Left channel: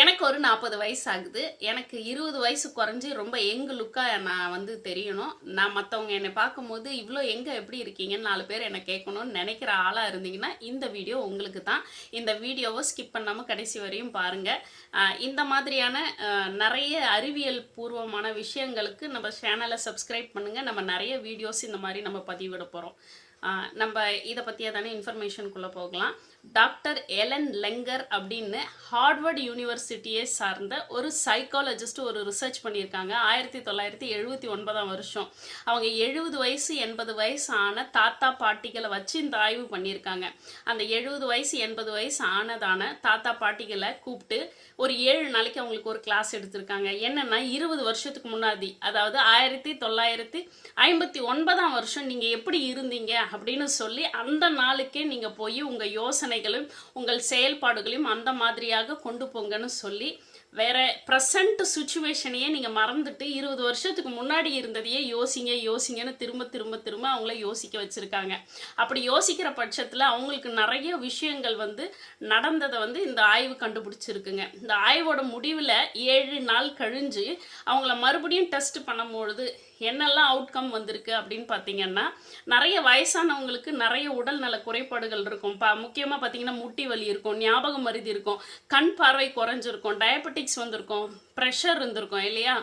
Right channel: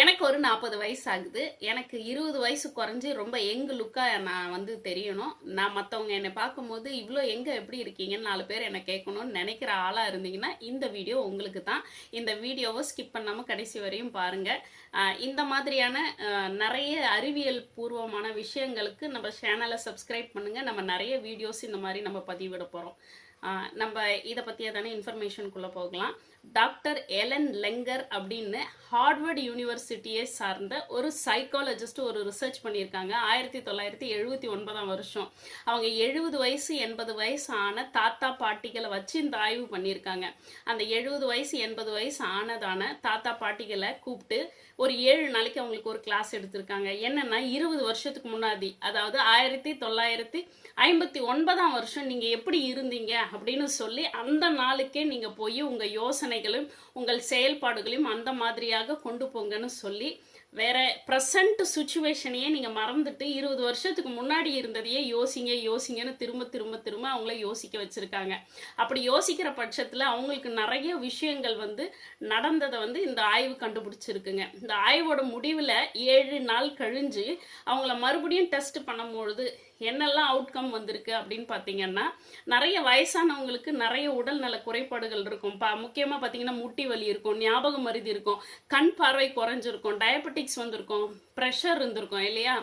எனக்கு ஒரு 40 வயசு ஆகுது. எனக்கு 20 வயசு குறைஞ்சு ரொம்ப யங் லுக்கா நான் தெரியணும். நான் மத்தவங்க என்னை பார்க்கும்போது, "இவ்ளோ யங்கா எப்படி இருக்கீங்கன்னு?" 4 பேர் என்ன கேட்கணும்னு நெனைக்கிற ஆளா இருந்தீங்கன்னா, இந்த வீடியோ உங்களுக்கு தான். இந்த வீடியோவ ஸ்கிப் பண்ணாம கடைசி வரையும் பாருங்க. இந்த மாதிரியான நெறைய அறிவியல் பூர்வமான விஷயங்களுக்கு நம்ம சேனல சப்ஸ்கிரைப் பண்ணுங்க. நம்ம நெறைய வீடியோஸ் இந்த மாரி நம்ம பதிவிட போறோம். நம்ம இத பத்தியதான இன்ஃபர்மேஷனுக்குள்ள போகலாம். டாக்டர் எலன் லெங்கர் அப்படின்னு ஹார்வர்ட் யூனிவர்சிட்டியை சார்ந்த ஒரு சைக்காலஜிஸ்ட் ஒரு ரிசர்ச் பண்ணியிருக்காங்க. 1979 வருஷம். அவங்க 70 வயசு 80 வயசு ஆன தாத்தா பாட்டிகளை வச்சு இந்த ஆய்வு பண்ணியிருக்காங்க. அந்த 70 வயசு 80 வயசு ஆனதான தாத்தா பாட்டிகளை கூப்பிட்டு ஒரு 7 நாளைக்கு அவங்களுக்கு ஒரு கிளாஸ் எடுத்திருக்காங்க. என்னன்னா 20 வருஷத்துக்கு முன்னாடி, அதாவது 1959 வருஷம் நீங்க எப்படி இருந்தீங்க அப்படின்னு சொல்லி அந்த நாளுக்கே நீங்க போய் உங்க யோசனைகளும் உங்கள் செயல்பாடுகளையும் அந்த மாதிரியாக கொண்டு போங்கன்னு சொல்லி, வேற ப்ரெசன்ட் சுச்சுவேஷனையே நீங்க மறந்துட்டு 20 வருஷத்துக்கு முன்னாடி இருந்ததையே யோசிங்கன்னு திரும்ப திரும்ப திரும்ப அவங்கள யோசிக்க வச்சிருக்காங்க. அப்படி யோசிக்கிற பட்சத்துல அவங்களுக்கு நிறைய விஷயங்கள் நடந்ததை இந்த ஆய்வு கண்டுபிடிச்சிருக்குங்க. இந்த ஆய்வோட முடிவில் 7 நாள் கழிஞ்சு அவங்கள மறுபடியும் டெஸ்ட் பண்ணும்பொழுது என்னெல்லாம் அவுட்கம் வந்திருக்கு அப்படின்னு பார்த்தீங்கன்னா, நிறைய வயசானவங்களுக்கு நிறைய உடல் நல குறைபாடுகள் இருக்கும். முக்கியமாக பார்த்தீங்கன்னா முட்டி வலி இருக்கும், ஞாபக மருதி இருக்கும், கண் பார்வை குறைஞ்சிருக்கும், டயபெட்டிக்ஸ் வந்திருக்கும், ப்ரெஷர் இருந்திருக்கும் இல்லையா.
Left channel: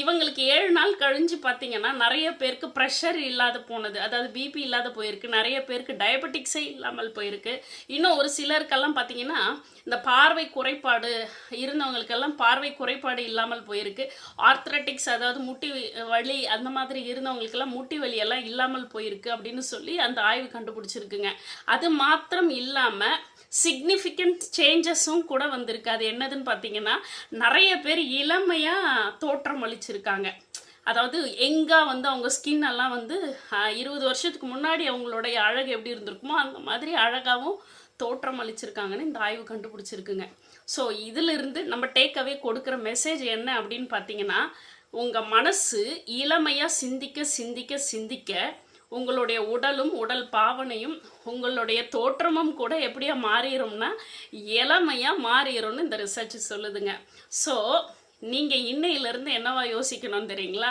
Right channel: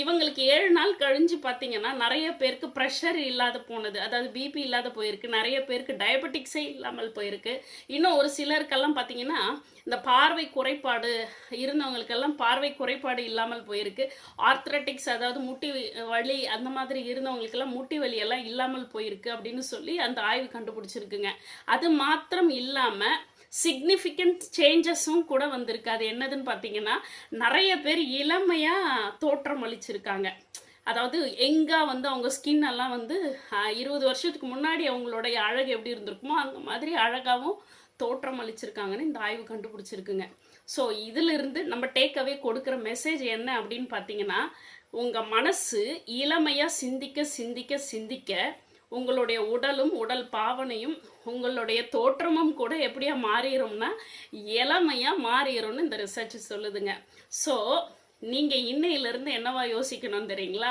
இவங்களுக்கு 7 நாள் கழிஞ்சு பார்த்தீங்கன்னா நிறைய பேருக்கு ப்ரெஷர் இல்லாத போனது, அதாவது பிபி இல்லாத போயிருக்கு, நிறைய பேருக்கு டயபெட்டிக்ஸே இல்லாமல் போயிருக்கு. இன்னும் ஒரு சிலருக்கெல்லாம் பார்த்தீங்கன்னா இந்த பார்வை குறைபாடு இருந்தவங்களுக்கெல்லாம் பார்வை குறைபாடு இல்லாமல் போயிருக்கு. ஆர்த்ரட்டிக்ஸ், அதாவது முட்டி வலி அந்த மாதிரி இருந்தவங்களுக்கெல்லாம் முட்டி வலி எல்லாம் இல்லாமல் போயிருக்கு அப்படின்னு சொல்லி அந்த ஆய்வு கண்டுபிடிச்சிருக்குங்க. அது மாத்திரம் இல்லாமல் சிக்னிஃபிகண்ட் சேஞ்சஸும் கூட வந்திருக்கு. அது என்னதுன்னு பார்த்தீங்கன்னா, நிறைய பேர் இளமையாக தோற்றம் அளிச்சிருக்காங்க. அதாவது எங்கா அவங்க ஸ்கின் எல்லாம் 20 வருஷத்துக்கு முன்னாடி அவங்களுடைய அழகு எப்படி இருந்திருக்குமோ அந்த மாதிரி அழகாகவும் தோற்றம் அளிச்சிருக்காங்கன்னு இந்த ஆய்வு கண்டுபிடிச்சிருக்குங்க. ஸோ இதிலிருந்து நம்ம டேக்அவே கொடுக்குற மெசேஜ் என்ன அப்படின்னு பார்த்தீங்கன்னா, உங்கள் மனசு இளமையாக சிந்திக்க சிந்திக்க சிந்திக்க உங்களுடைய உடலும் உடல் பாவனையும் உங்களுடைய தோற்றமும் கூட எப்படியா மாறிடும்னா இளமையாக மாறிடும்னு இந்த ரிசர்ச் சொல்லுதுங்க. ஸோ நீங்கள் இன்னையிலேருந்து என்னவா யோசிக்கணும் தெரியுங்களா?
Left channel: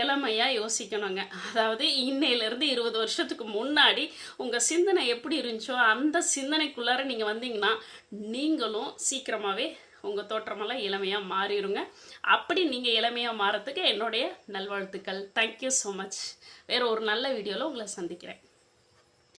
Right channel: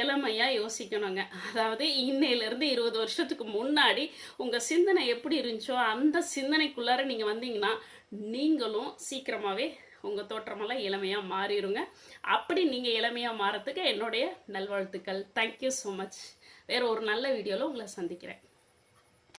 இளமையாக யோசிக்கணுங்க. அதாவது இன்னையிலேருந்து 20 வருஷத்துக்கு முன்னாடி உங்கள் சிந்தனை எப்படி இருந்துச்சோ அந்த சிந்தனைக்குள்ளார நீங்கள் வந்தீங்கன்னா நீங்களும் சீக்கிரமாகவே உங்கள் தோற்றமெல்லாம் இளமையாக மாறிடுங்க. அப்படி நீங்கள் இளமையாக மாறத்துக்கு என்னுடைய நல்வாழ்த்துக்கள். Thank you so much. வேறு ஒரு நல்ல வீடியோவில் உங்களை சந்திக்கிறேன்.